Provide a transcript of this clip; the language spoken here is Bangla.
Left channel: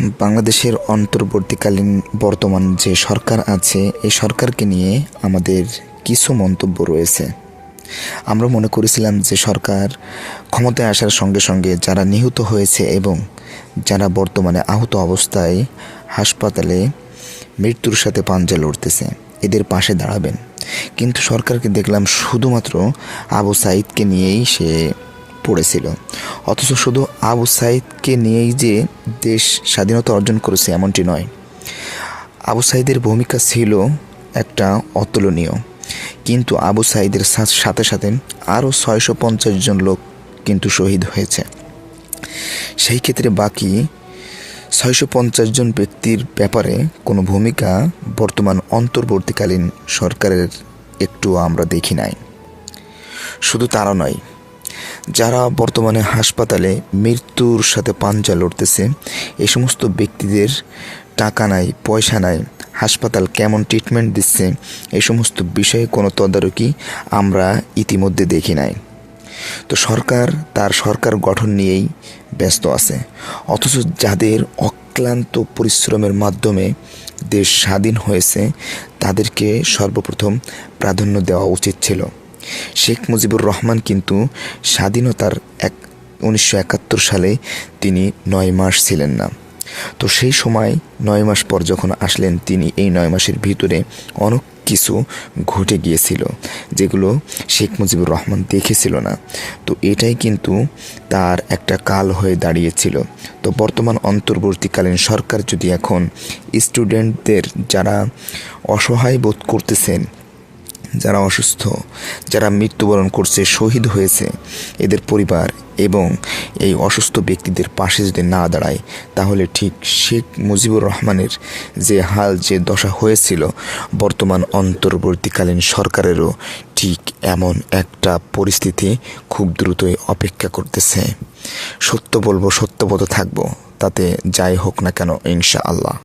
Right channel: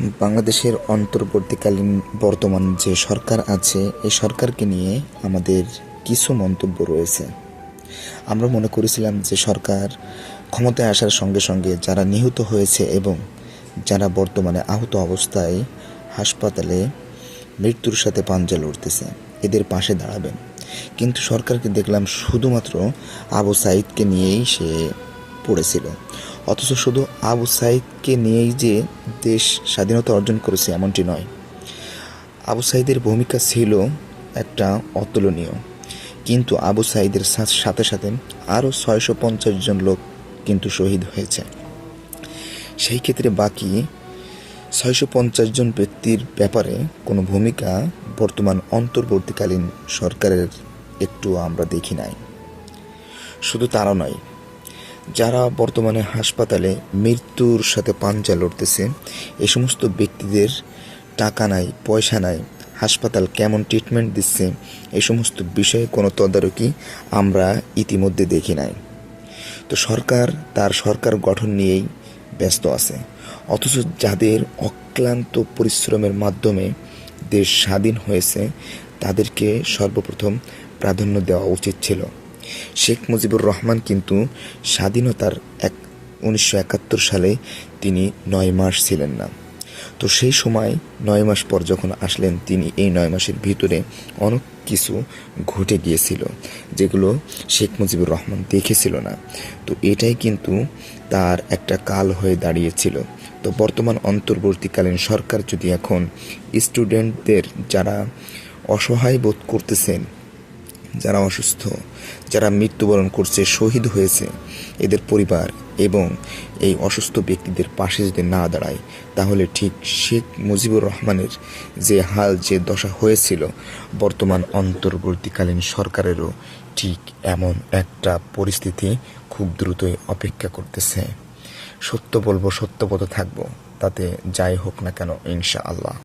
বাংলাদেশের অন্তর্বর্তীকালীন বর্তমান যে সরকার আছে, এই সরকারকে নিয়ে আমাদের কিছু মন্তব্য রয়েছে। আমরা মনে করেছিলাম যে সরকার ক্ষমতায় আসার সঙ্গে সঙ্গে যারা নিহত হয়েছে এবং যারা বর্তমানে আহত অবস্থায় হাসপাতালে মৃত্যুর সাথে পাঞ্জা লড়তেছে, এদের পাশে দাঁড়াবেন। কিন্তু সরকারকে দেখলাম শুধুমাত্র আবু সাইদকে নিয়েই সে পড়েছিল। অথচ শুধু আবু সাইদকে নিয়েই যে দেশ স্বাধীনতা অর্জন করেছে এমনটি নয়। আবু সাইদের ভূমিকা ছিল একটা অতুলনীয়। কিন্তু আবু সাইদের সাথে সাথে আরও ছয়শো পঞ্চাশ জন লোক কিন্তু শহীদ হয়েছে। সেই ক্ষেত্রে বাকি ছয়শো পঞ্চাশ জন ব্যক্তির ব্যাপারে কোনো ভূমিকা বর্তমান অন্তর্বর্তীকালীন সরকারের একটু আমরা দেখি নাই। শুধু তারা নয় যারা বর্তমানে হাসপাতালে মৃত্যুর সাথে পাঞ্জা লড়তেছে এই সমস্ত ব্যক্তিদের টাকা নাই, পয়সা নাই, হাসপাতাল কেমন ট্রিটমেন্ট দিচ্ছে এই সমস্ত বিষয়ে কোনো তদারকি আমরা ইতিমধ্যে দেখি নাই। তো সরকার, তার সরকার গঠন নিয়েই ব্যস্ত আছে। অথচ যাদের অক্লান্ত পরিশ্রমের মাধ্যমে দেশ স্বাধীন হয়েছে, তাদেরকে সর্বপ্রথম প্রাধান্য দেওয়া উচিত ছিল। শেখ মুজিবুর রহমান কিন্তু স্বাধীনতার এক উনিশশো একাত্তর সালে তিনি নয় মাস ছিলেন না। তো সেই সময় নয় মাস পর যখন আসলেন, তিনি এই নয় মাসের ভিতরে অনেক কিছু ঘটে গিয়েছিল যেগুলো শেখ মুজিবুর রহমান দেখেছিল না। তো এটাই কিন্তু তার একটা কাল হয়ে দাঁড়িয়েছিল। তো বর্তমান অন্তর্বর্তীকালীন সরকার যদি এখন স্টুডেন্টদের যারা অসহায় বোধ করতেছেন যারা অসুস্থ, যারা মৃত্যুবরণ করছে, শহীদ হয়েছে, এদের পরিবার এবং এই অসুস্থ ব্যক্তিদের পাশে যদি না দাঁড়ায়, তাহলে ঠিক শেখ মুজিবুর রহমানের যে হাল, যে দশা হয়েছিল, বর্তমান অন্তর্বর্তীকালীন সরকারেরও ঠিক এমন একটা পরিস্থিতি খুব দ্রুতই অপেক্ষা করতেছে। সত্য বলব সত্যবত থাকব, তাতে যাই হোক না কেন ইনশা আল্লাহ